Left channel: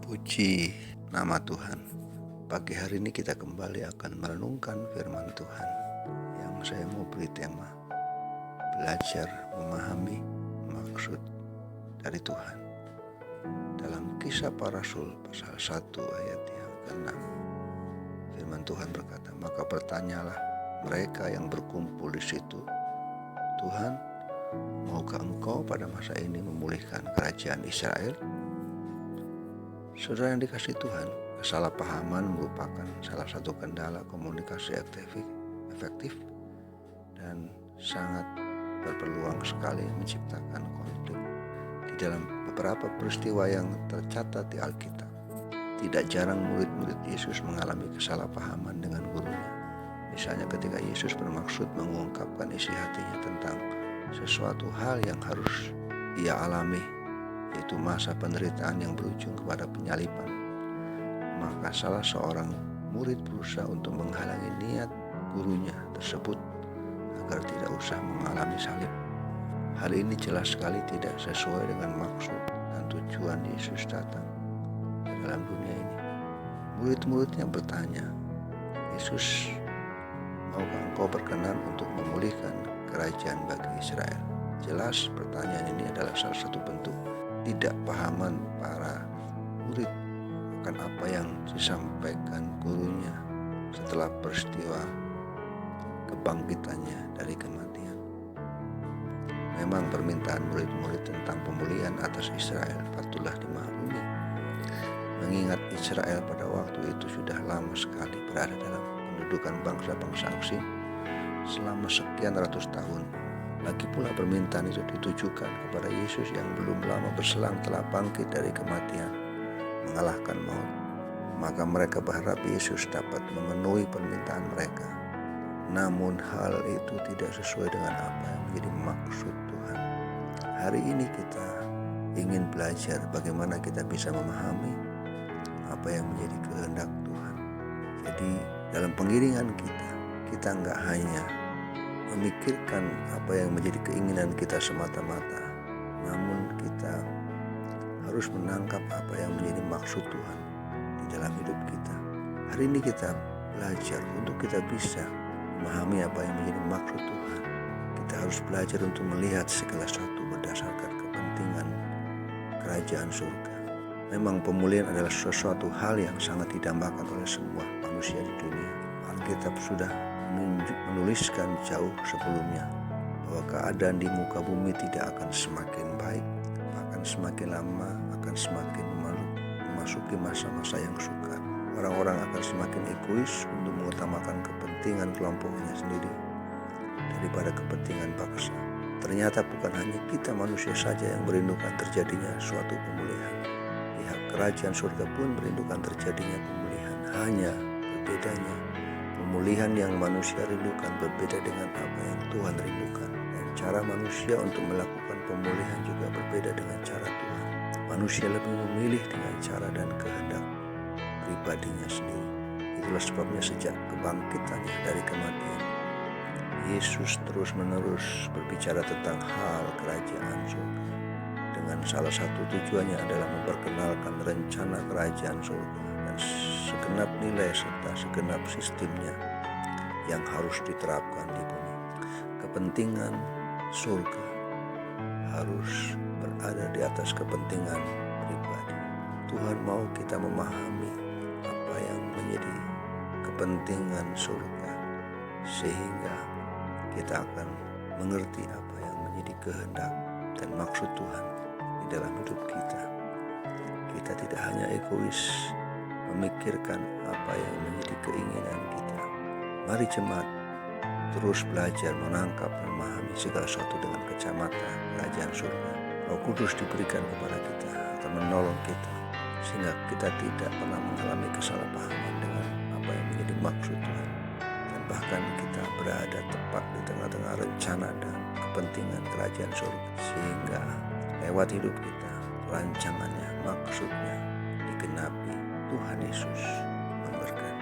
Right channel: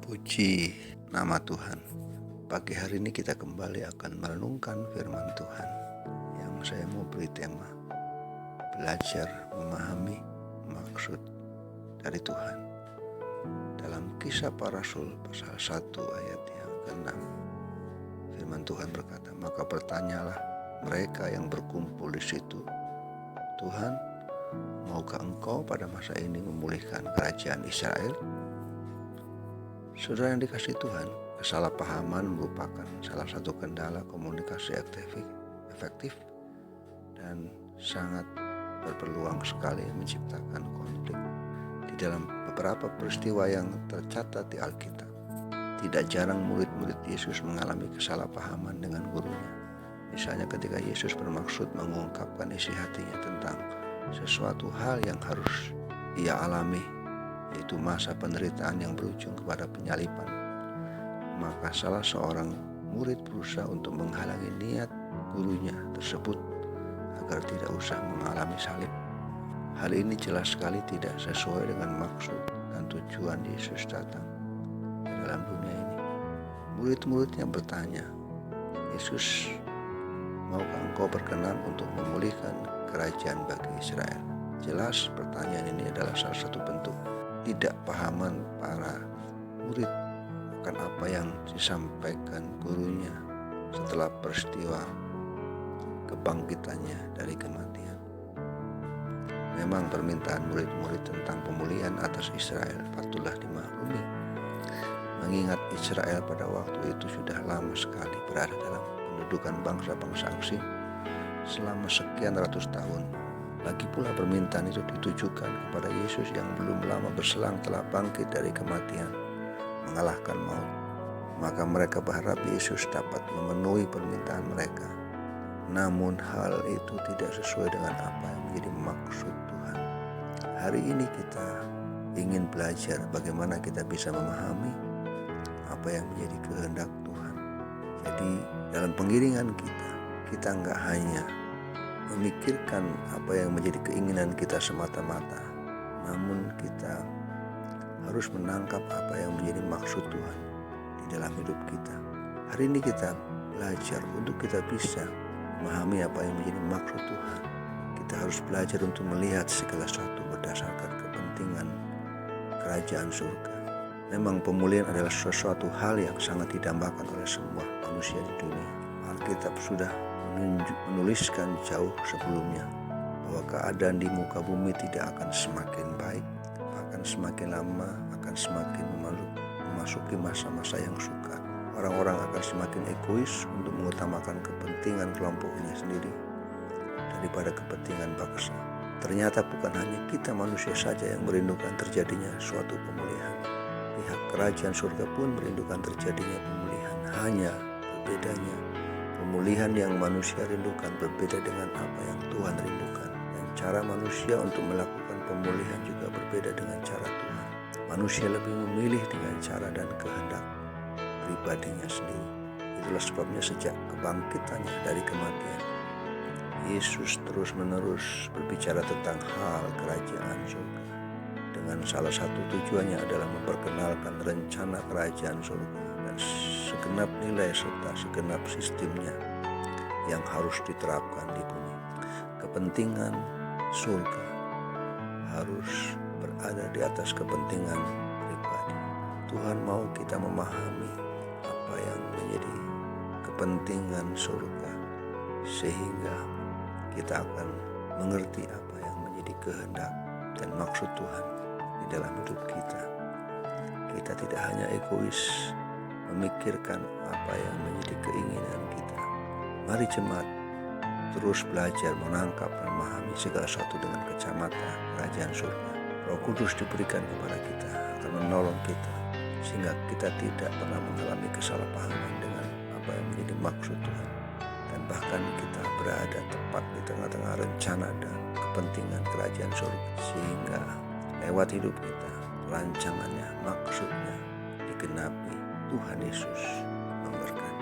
Puji nama Tuhan. Pagi hari ini kita kembali akan merenungkan firman Tuhan yang saya mau beri tema belajar memahami maksud dari Tuhan. Dalam Kisah Para Rasul pasal 1 ayat yang ke-6, firman Tuhan berkata, "Maka bertanyalah mereka yang berkumpul di situ, Tuhan, maukah Engkau pada masa ini memulihkan kerajaan Israel?" Saudara yang dikasihi Tuhan, kesalahpahaman merupakan salah satu kendala komunikasi efektif dan sangat berpeluang sekali menciptakan konflik. Di dalam beberapa peristiwa yang tercatat di Alkitab, tidak jarang murid-murid Yesus mengalami kesalahpahaman dengan gurunya. Misalnya ketika Yesus bermaksud mengungkapkan isi hatinya tentang sesuatu hal yang harus ia alami, yaitu masa penderitaan yang berujung kepada penyaliban, maka salah seorang murid berusaha untuk menghalangi niat gurunya tersebut agar tidak usah mengalami salib. Hal ini jelas sekali tidak sesuai dengan maksud dan tujuan Yesus datang ke dalam dunia ini. Murid-muridnya bertanya, "Yesus, maukah Engkau berkenan untuk memulihkan kerajaan bagi Israel?" Jelas pertanyaan ini adalah salah satu bentuk tidak pahaman para murid akan apa yang disampaikan gurunya setelah peristiwa kebangkitannya dari kematian. Memang permintaan murid-murid tentang pemulihan atas Israel patutlah dimaklumi, mengingat Israel pada waktu itu sudah lama sekali berada dalam pendudukan bangsa-bangsa asing selama sekian ratus tahun. Lagi pula permintaan itu ditujukan kepada Yesus yang belum lama berselang telah bangkit dari kematian, mengalahkan maut. Maka mereka berharap Yesus dapat memenuhi permintaan mereka. Namun hal itu tidak sesuai dengan apa yang menjadi maksud Tuhan. Hari ini kita ingin belajar bagaimana kita bisa memahami apa yang menjadi kehendak Tuhan. Jadi dalam pengiringan kita enggak hanya memikirkan apa yang menjadi keinginan kita semata-mata, namun kita harus menangkap apa yang menjadi maksud Tuhan di dalam hidup kita. Hari ini kita belajar untuk kita bisa memahami apa yang menjadi maksud Tuhan. Kita harus belajar untuk melihat segala sesuatu berdasarkan kepentingan kerajaan surga. Memang pemulihan adalah sesuatu hal yang sangat didambakan oleh semua manusia di dunia. Alkitab sudah menuliskan jauh sebelumnya bahwa keadaan di muka bumi tidak akan semakin baik, bahkan semakin lama akan semakin memasuki masa-masa yang sukar. Orang-orang akan semakin egois untuk mengutamakan kepentingan kelompoknya sendiri daripada kepentingan bangsa. Ternyata bukan hanya kita manusia saja yang merindukan terjadinya suatu pemulihan. Pihak kerajaan surga pun merindukan terjadinya pemulihan. Hanya berbedanya, pemulihan yang manusia rindukan berbeda dengan apa yang Tuhan rindukan. Dan cara manusia untuk melakukan pemulihan juga berbeda dengan cara Tuhan. Manusia lebih memilih dengan cara dan kehendak pribadinya sendiri. Itulah sebabnya sejak kebangkitannya dari kematian, Yesus terus-menerus berbicara tentang hal kerajaan surga. Dengan salah satu tujuannya adalah memperkenalkan rencana kerajaan surga dan segenap nilai serta segenap sistemnya yang harus diterapkan di bumi. Kepentingan surga harus berada di atas kepentingan pribadi. Tuhan mau kita memahami apa yang menjadi kepentingan surga, sehingga kita akan mengerti apa yang menjadi kehendak dan maksud Tuhan di dalam hidup kita. Kita tidak hanya egois memikirkan apa yang menjadi keinginan kita. Mari jemaat terus belajar menangkap dan memahami segala sesuatu dengan kacamata kerajaan surga. Roh Kudus diberikan kepada kita akan menolong kita sehingga kita tidak pernah mengalami kesalahpahaman dengan apa yang menjadi maksud Tuhan, dan bahkan kita berada tepat di tengah-tengah rencana dan kepentingan kerajaan surga, sehingga lewat hidup kita rancangannya, maksudnya digenapi. Tuhan Yesus memberkati.